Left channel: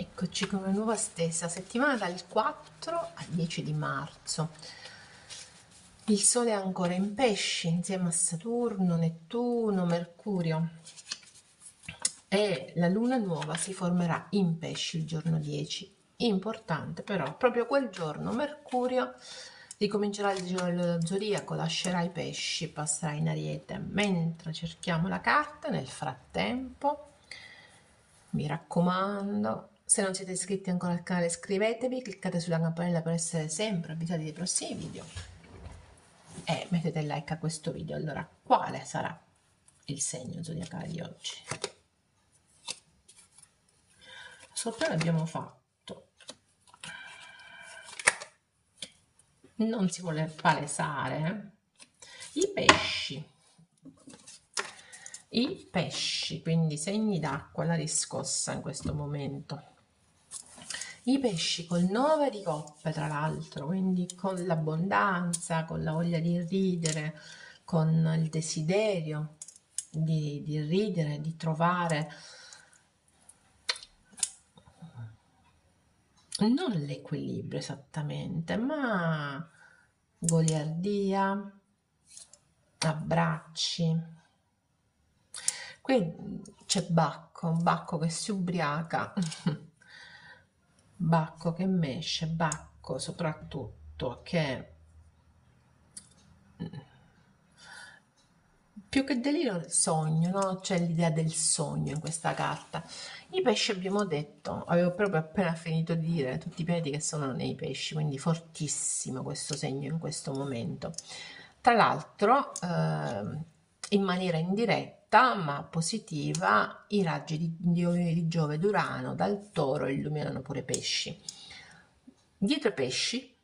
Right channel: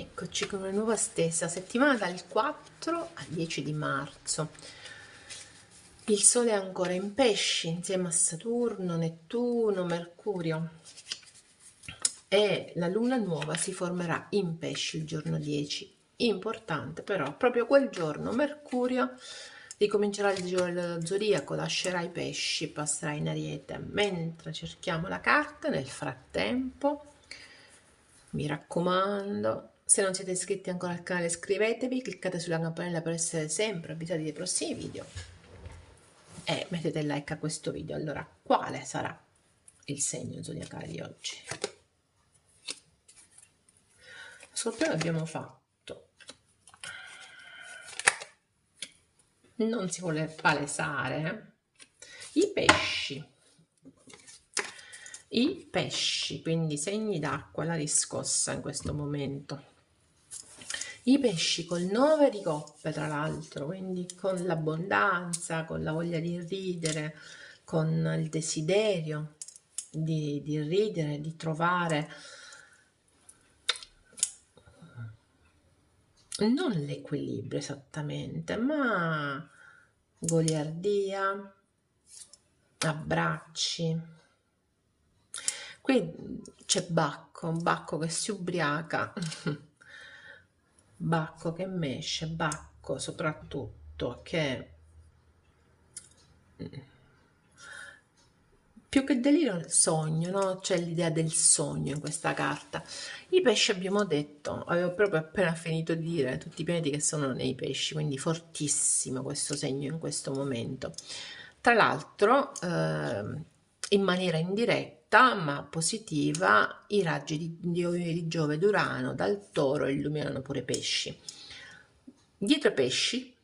Eccoci con una nuova stessa settimana dal 4 al 10 di marzo. Il Sole è ancora in Pesci insieme a Saturno, Nettuno, Mercurio e la Luna nuova si formerà in Pesci il giorno 10. Importante però, proprio quel giorno Mercurio ricomincerà il giro dello zodiaco, lascerà i Pesci, passerà in Ariete. Mentre cerchiamo la carta, nel frattempo, mi raccomando, se non siete iscritti ancora al canale iscrivetevi, cliccate sulla campanella per essere sempre avvisati dei prossimi video e mettete like a questo video. Allora, quale sarà il segno zodiacale di oggi? Scorpione abbiamo fatto, non si vuole palesare. I pesci, quindi segni d'acqua, la riscossa in questo momento. I pesci col 9 di coppe, tra l'altro, quindi con l'abbondanza, con la voglia di ridere, con il desiderio di ridere, di trovare non l'equilibrio esattamente, ma goliardia, abbracci. Qui c'è Bacco che si ubriaca, Bacco che mesce, Bacco soprattutto che più che delirio il sogno, no? C'è l'idea del sogno in questa carta. I pesci abbiamo detto, avevo proprio appena finito di dire tutti i pianeti che sono nei pesci, quindi fortissimo questo segno in questo momento. Tra l'altro, in maniera indiretta ma positiva, i raggi di Giove ed Urano dal Toro illuminano pure i pesci. Dietro i pesci,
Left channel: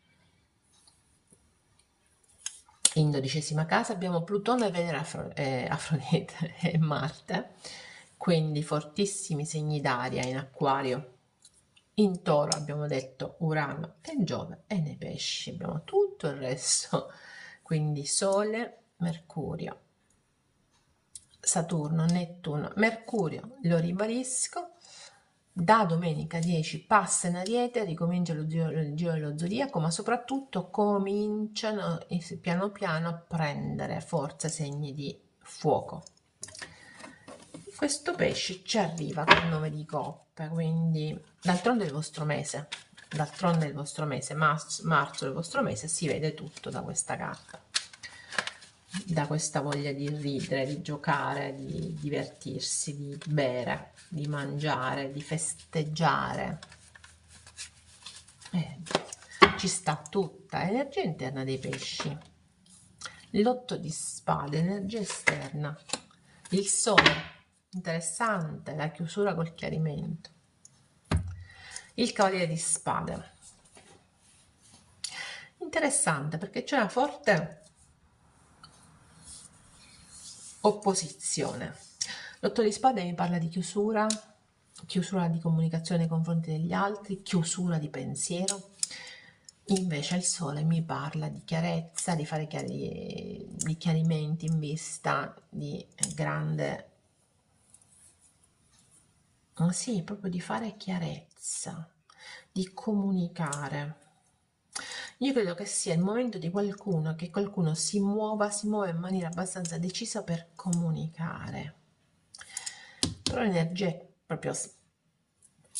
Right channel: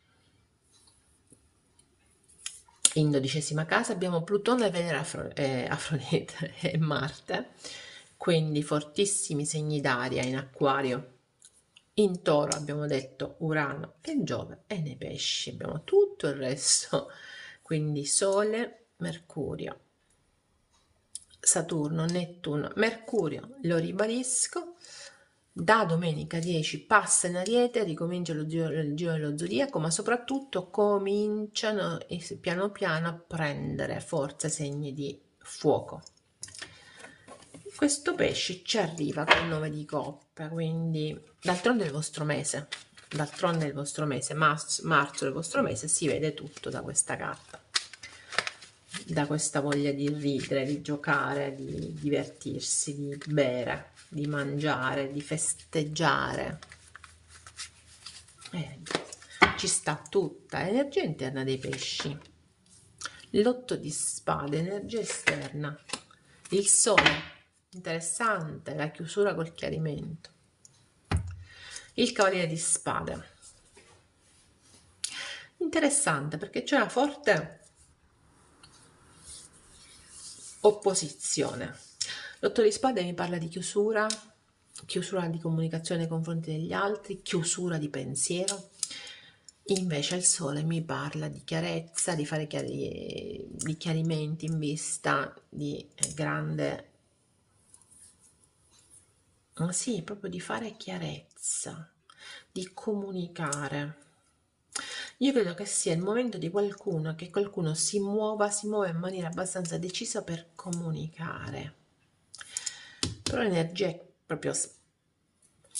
in 12ª casa, abbiamo Plutone, Venere, Afrodite e Marte, quindi fortissimi segni d'aria in Acquario. In Toro abbiamo detto Urano e Giove, e nei pesci abbiamo tutto il resto, quindi Sole, Mercurio, Saturno, Nettuno, Mercurio, lo ribadisco, da domenica 10 passa in Ariete, ricomincia il giro dello zodiaco, ma soprattutto cominciano piano piano a prendere forza segni di fuoco. Questo pesce ci arriva col 9 di coppe, quindi d'altronde è il vostro mese, marzo è il vostro mese, si vede tutto da questa carta, da questa voglia di ridere, di giocare, di divertirsi, di bere, di mangiare, di festeggiare. Ci sta tutta l'energia interna dei pesci. L'8 di spade, energia esterna. Il sole, interessante, la chiusura col chiarimento. Il cavaliere di spade. Interessante perché c'è una forte opposizione. L'8 di spade mi parla di chiusura di comunicazione nei confronti degli altri, chiusura di pensiero. Invece il sole mi parla di chiarezza, di fare di chiarimenti in vista di grande, sì, proprio di fare chiarezza, di comunicare. Io credo che sia il momento di che qualcuno si muove in maniera abbastanza decisa per comunicare. Però l'energia è proprio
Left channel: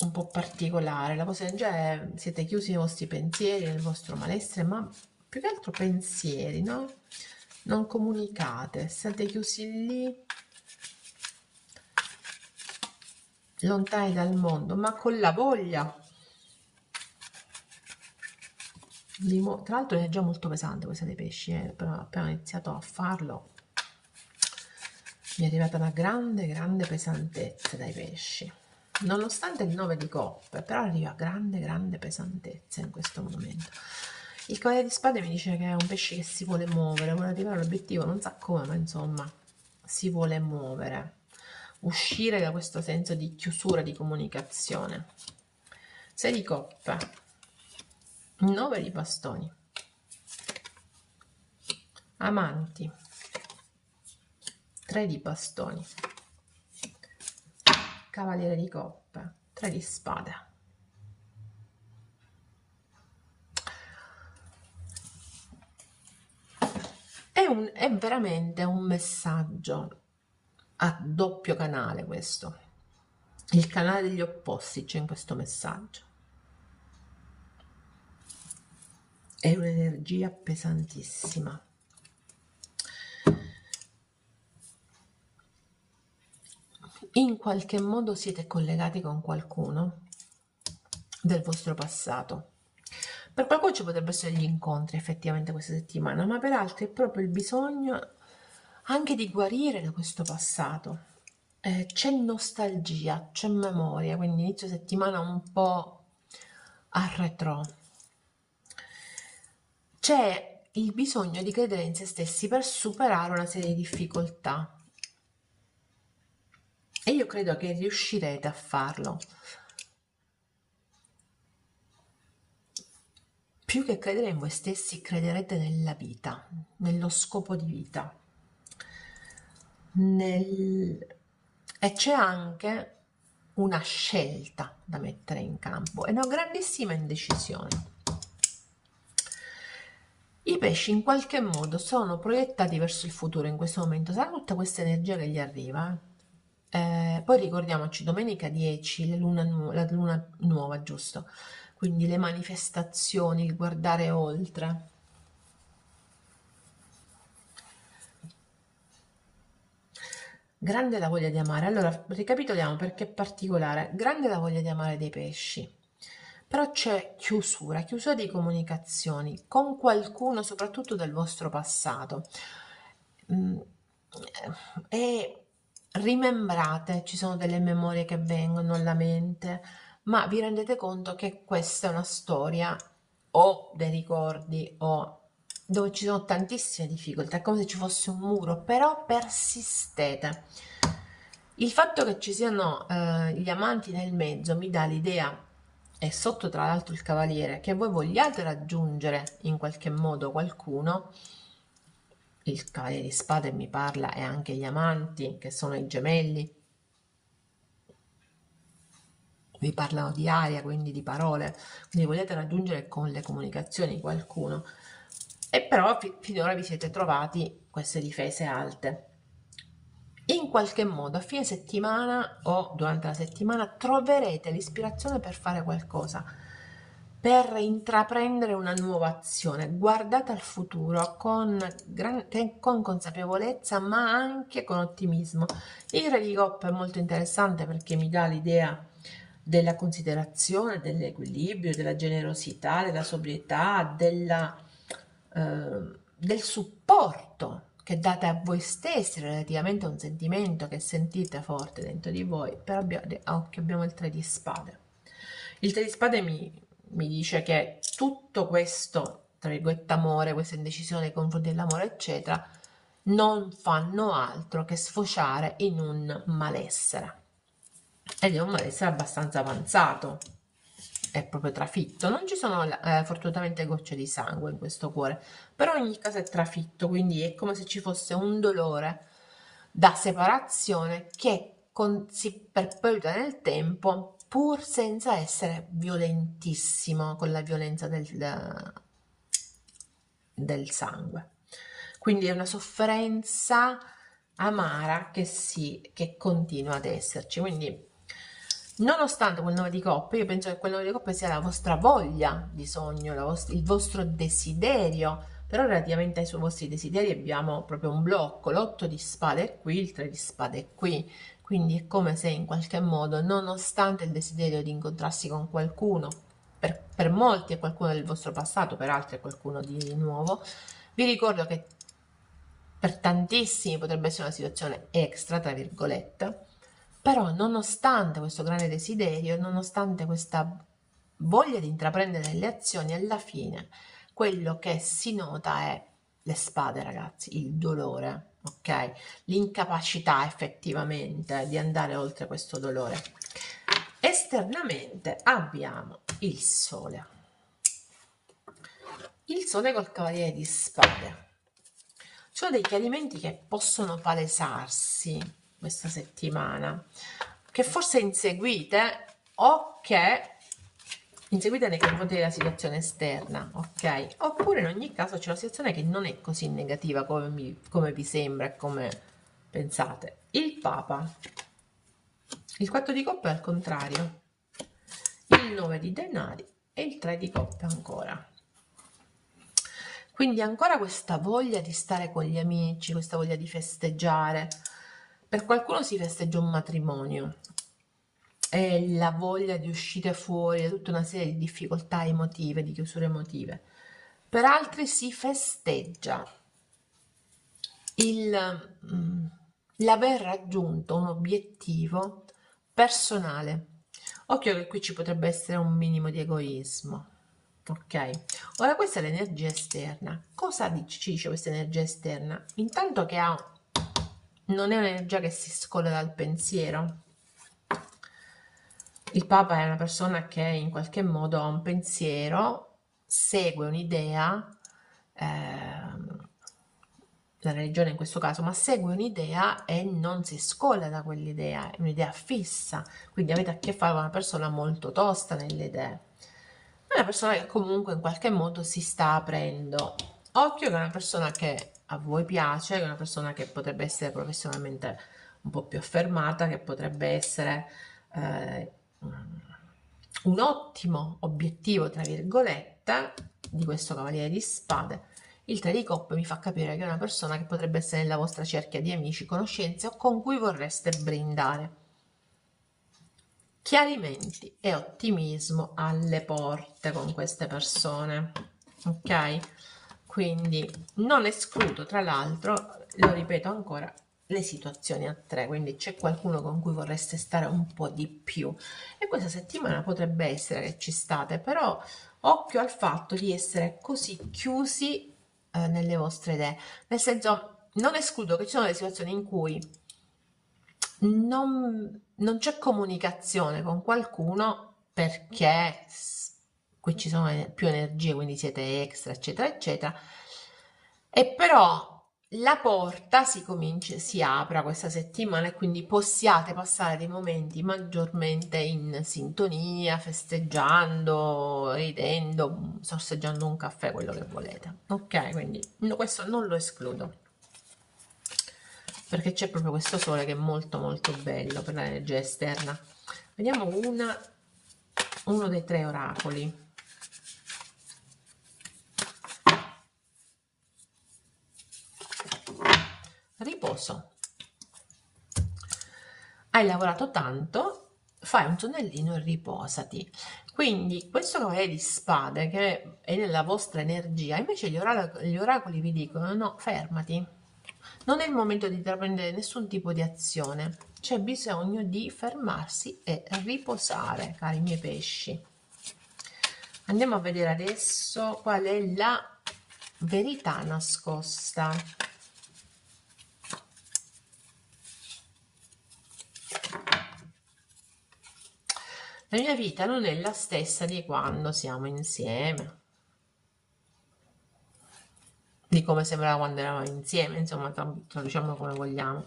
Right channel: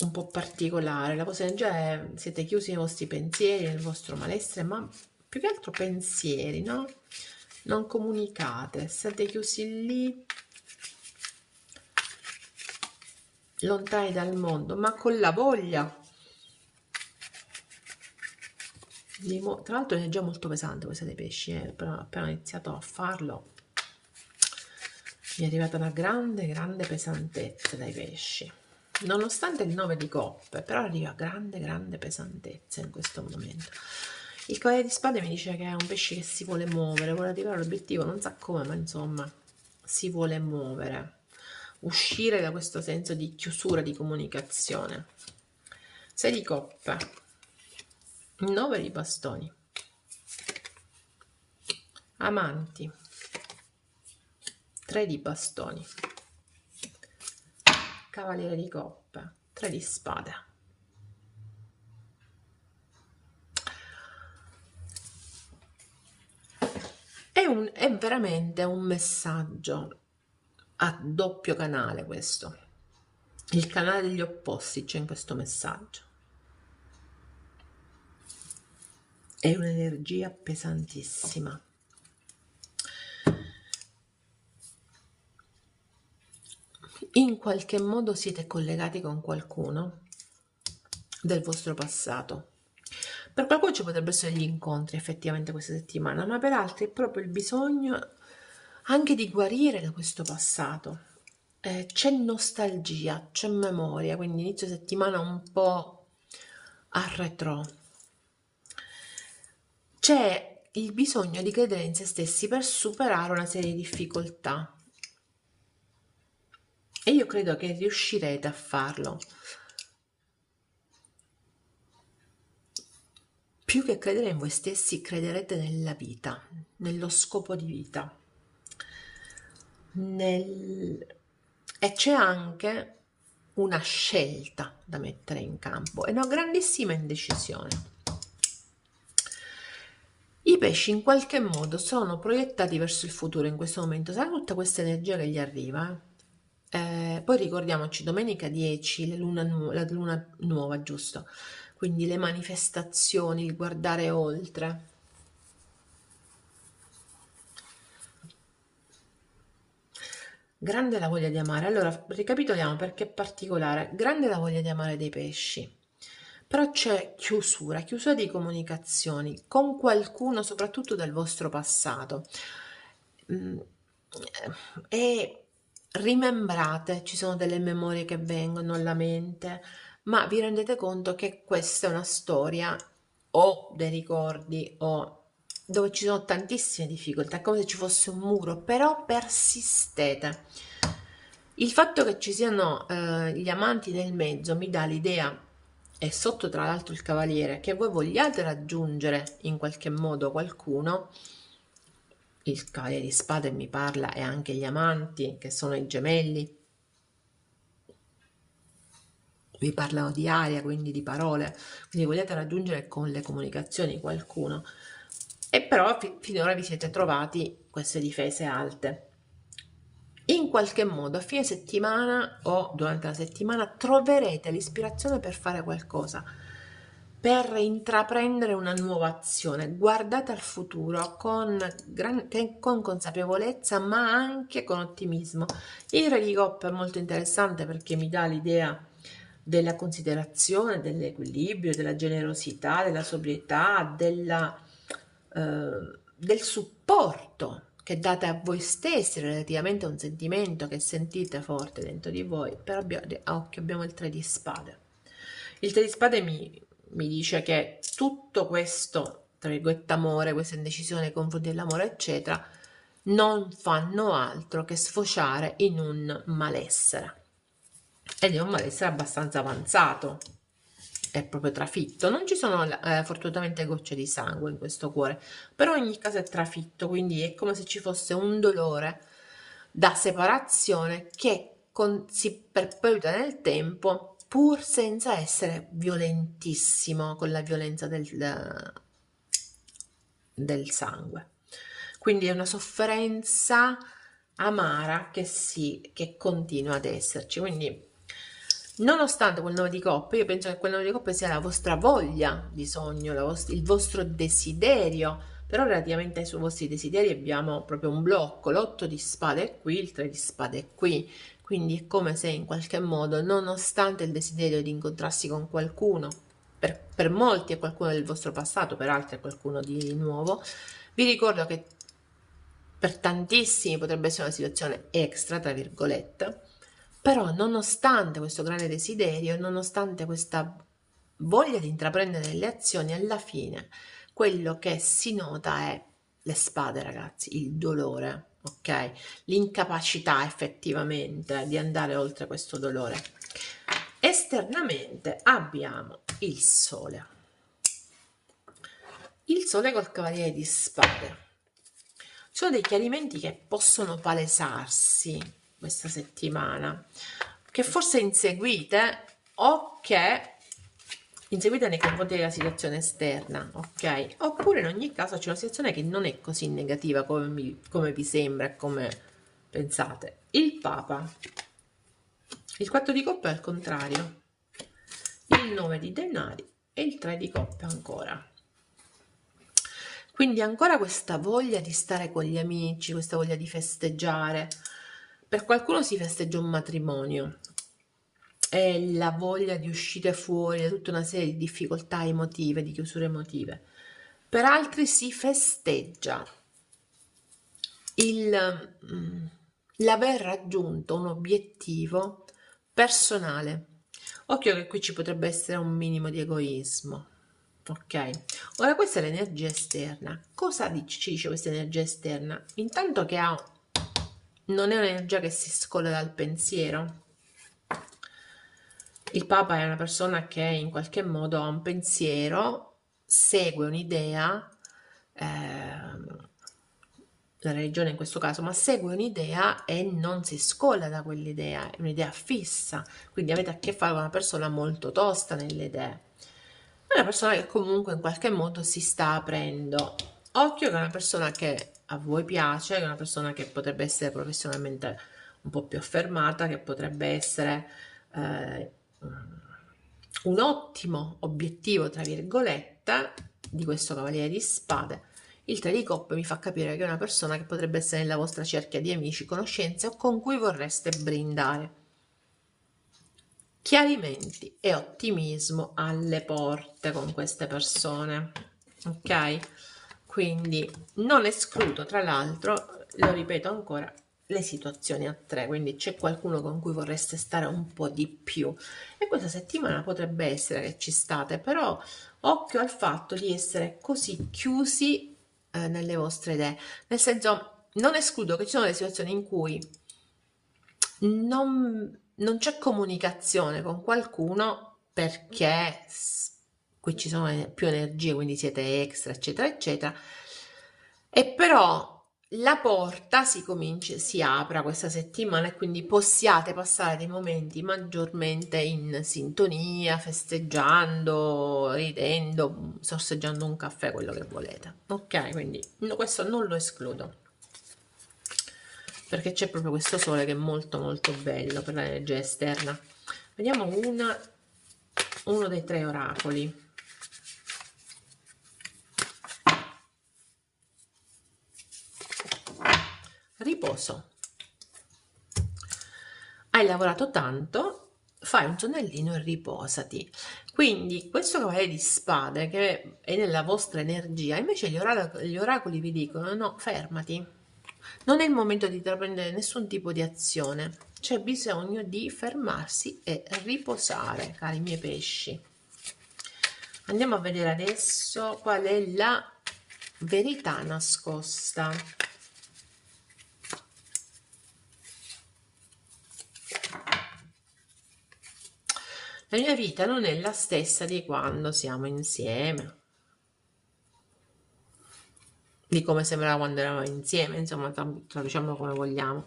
un po' particolare, la vostra energia è, siete chiusi nei vostri pensieri, nel vostro malessere, ma più che altro pensieri, no? Non comunicate, siete chiusi lì, lontani dal mondo, ma con la voglia tra l'altro è già molto pesante questa dei pesci, però appena ho iniziato a farlo mi è arrivata una grande pesantezza dai pesci, nonostante il 9 di coppe, però arriva grande pesantezza in questo momento. Il cavaliere di spade mi dice che è un pesce che si vuole muovere, vuole arrivare all'obiettivo, non sa come, ma insomma si vuole muovere, uscire da questo senso di chiusura di comunicazione. 6 di coppe, 9 di bastoni, amanti, 3 di bastoni, cavaliere di coppe, 3 di spade. è veramente un messaggio a doppio canale questo. Il canale degli opposti c'è in questo messaggio. È un'energia pesantissima. In qualche modo siete collegati con qualcuno del vostro passato. Per qualcuno ci potrebbero essere gli incontri effettivamente questa settimana, ma per altri è proprio il bisogno anche di guarire da questo passato. C'è nostalgia, c'è memoria, quindi inizio settimana un po' a retro. C'è il bisogno di credere in se stessi per superare una serie di difficoltà. E io credo che riuscirete a farlo. Più che credere in voi stessi, crederete nella vita, nello scopo di vita. E c'è anche una scelta da mettere in campo e una grandissima indecisione. I pesci in qualche modo sono proiettati verso il futuro in questo momento, sarà tutta questa energia che gli arriva. Poi ricordiamoci, domenica 10, la luna nuova, giusto? Quindi le manifestazioni, il guardare oltre. Grande la voglia di amare. Allora, ricapitoliamo perché è particolare. Grande la voglia di amare dei pesci. Però c'è chiusura di comunicazioni con qualcuno, soprattutto del vostro passato. Mm, E rimembrate, ci sono delle memorie che vengono alla mente, ma vi rendete conto che questa è una storia o dei ricordi o dove ci sono tantissime difficoltà, è come se ci fosse un muro, però persistete. Il fatto che ci siano gli amanti nel mezzo mi dà l'idea, e sotto tra l'altro il cavaliere, che voi vogliate raggiungere in qualche modo qualcuno. Il cavaliere di spade mi parla e anche gli amanti, che sono i gemelli, vi parlano di aria, quindi di parole, quindi volete raggiungere con le comunicazioni qualcuno, e però finora vi siete trovati queste difese alte. In qualche modo a fine settimana o durante la settimana troverete l'ispirazione per fare qualcosa, per intraprendere una nuova azione. Guardate al futuro con consapevolezza, ma anche con ottimismo. Il Re di Coppa è molto interessante perché mi dà l'idea della considerazione, dell'equilibrio, della generosità, della sobrietà, del supporto che date a voi stessi relativamente a un sentimento che sentite forte dentro di voi. Però occhio, abbiamo il 3 di spade. Il 3 di spade mi dice che tutto questo, tra virgolette, amore, questa indecisione nei confronti dell'amore, eccetera, non fanno altro che sfociare in un malessere. Ed è un malessere abbastanza avanzato, è proprio trafitto. Non ci sono fortunatamente gocce di sangue in questo cuore, però in ogni caso è trafitto, quindi è come se ci fosse un dolore da separazione che si perpetua nel tempo, pur senza essere violentissimo con la violenza del sangue. Quindi è una sofferenza amara che continua ad esserci. Quindi, nonostante quel 9 di coppe, io penso che quel 9 di coppe sia la vostra voglia di sogno, il vostro desiderio, però relativamente ai suoi vostri desideri abbiamo proprio un blocco, l'8 di spade è qui, il 3 di spade è qui, quindi è come se in qualche modo, nonostante il desiderio di incontrarsi con qualcuno, per molti è qualcuno del vostro passato, per altri è qualcuno di nuovo, vi ricordo che per tantissimi potrebbe essere una situazione extra, tra virgolette, però nonostante questo grande desiderio, nonostante questa voglia di intraprendere le azioni, alla fine quello che si nota è le spade, ragazzi, il dolore, ok? L'incapacità effettivamente di andare oltre questo dolore. Esternamente abbiamo il sole. Il sole col cavaliere di spade. Ci sono dei chiarimenti che possono palesarsi questa settimana, che forse inseguite o che inseguite nei confronti della situazione esterna, ok? Oppure in ogni caso c'è una situazione che non è così negativa come vi sembra e come pensate. Il Papa, il 4 di coppe al contrario, il 9 di denari e il 3 di coppe ancora. Quindi ancora questa voglia di stare con gli amici, questa voglia di festeggiare. Per qualcuno si festeggia un matrimonio, è la voglia di uscire fuori da tutta una serie di difficoltà emotive, di chiusure emotive. Per altri si festeggia l'aver raggiunto un obiettivo personale. Occhio che qui ci potrebbe essere un minimo di egoismo. Ok, ora questa è l'energia esterna. Cosa ci dice questa energia esterna? Intanto che non è un'energia che si scolla dal pensiero. Il Papa è una persona che in qualche modo ha un pensiero, segue un'idea, la religione in questo caso, ma segue un'idea e non si scolla da quell'idea, è un'idea fissa, quindi avete a che fare con una persona molto tosta nelle idee. È una persona che comunque in qualche modo si sta aprendo. Occhio che è una persona che a voi piace, che è una persona che potrebbe essere professionalmente un po' più affermata, che potrebbe essere eh, un ottimo obiettivo, tra virgolette, di questo Cavaliere di Spade. Il 3 di coppe mi fa capire che è una persona che potrebbe essere nella vostra cerchia di amici, conoscenze o con cui vorreste brindare. Chiarimenti e ottimismo alle porte con queste persone, ok? Quindi non escludo, tra l'altro, lo ripeto ancora, le situazioni a tre, quindi c'è qualcuno con cui vorreste stare un po' di più e questa settimana potrebbe essere che ci state, però occhio al fatto di essere così chiusi nelle vostre idee, nel senso non escludo che ci sono delle situazioni in cui non c'è comunicazione con qualcuno perché qui ci sono più energie, quindi siete extra, eccetera, eccetera. E però la porta si apra questa settimana e quindi possiate passare dei momenti maggiormente in sintonia, festeggiando, ridendo, sorseggiando un caffè, quello che volete. Ok, quindi questo non lo escludo perché c'è proprio questo sole che è molto molto bello per l'energia esterna. Vediamo uno dei tre oracoli. Riposo. Hai lavorato tanto, fai un sonnellino e riposati. Quindi questo Cavaliere di Spade che è nella vostra energia, invece gli oracoli vi dicono no, fermati. Non è il momento di intraprendere nessun tipo di azione, c'è bisogno di fermarsi e riposare, cari miei pesci. Andiamo a vedere adesso qual è la verità nascosta. La mia vita non è la stessa di quando siamo insieme, di come sembrava quando eravamo insieme, insomma, traduciamo come vogliamo.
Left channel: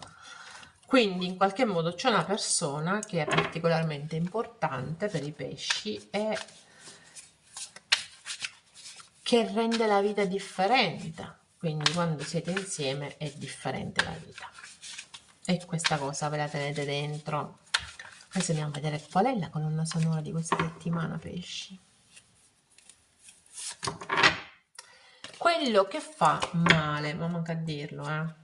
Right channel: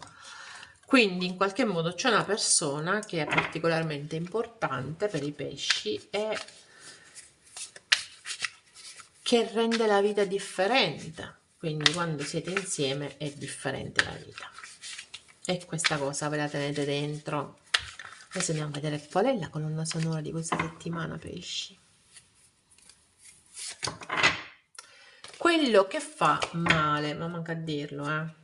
Quindi in qualche modo c'è una persona che è particolarmente importante per i pesci e che rende la vita differente. Quindi quando siete insieme è differente la vita. E questa cosa ve la tenete dentro. Adesso andiamo a vedere qual è la colonna sonora di questa settimana, pesci. Quello che fa male, ma manca a dirlo,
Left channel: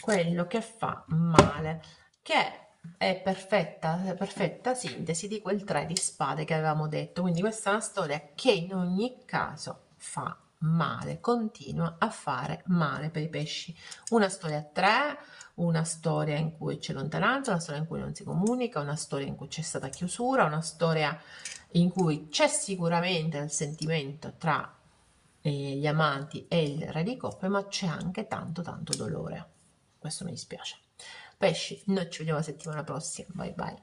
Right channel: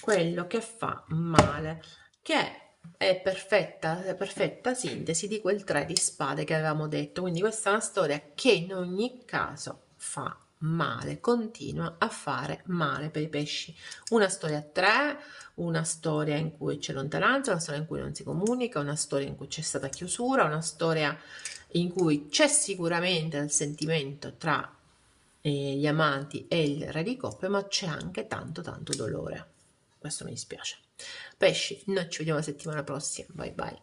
quello che fa male, che è perfetta sintesi di quel 3 di spade che avevamo detto. Quindi questa è una storia che in ogni caso fa male, continua a fare male per i pesci. Una storia a 3, una storia in cui c'è lontananza, una storia in cui non si comunica, una storia in cui c'è stata chiusura, una storia in cui c'è sicuramente il sentimento tra gli amanti e il re di coppe, ma c'è anche tanto tanto dolore. Questo mi dispiace. Pesci, noi ci vediamo la settimana prossima. Bye bye.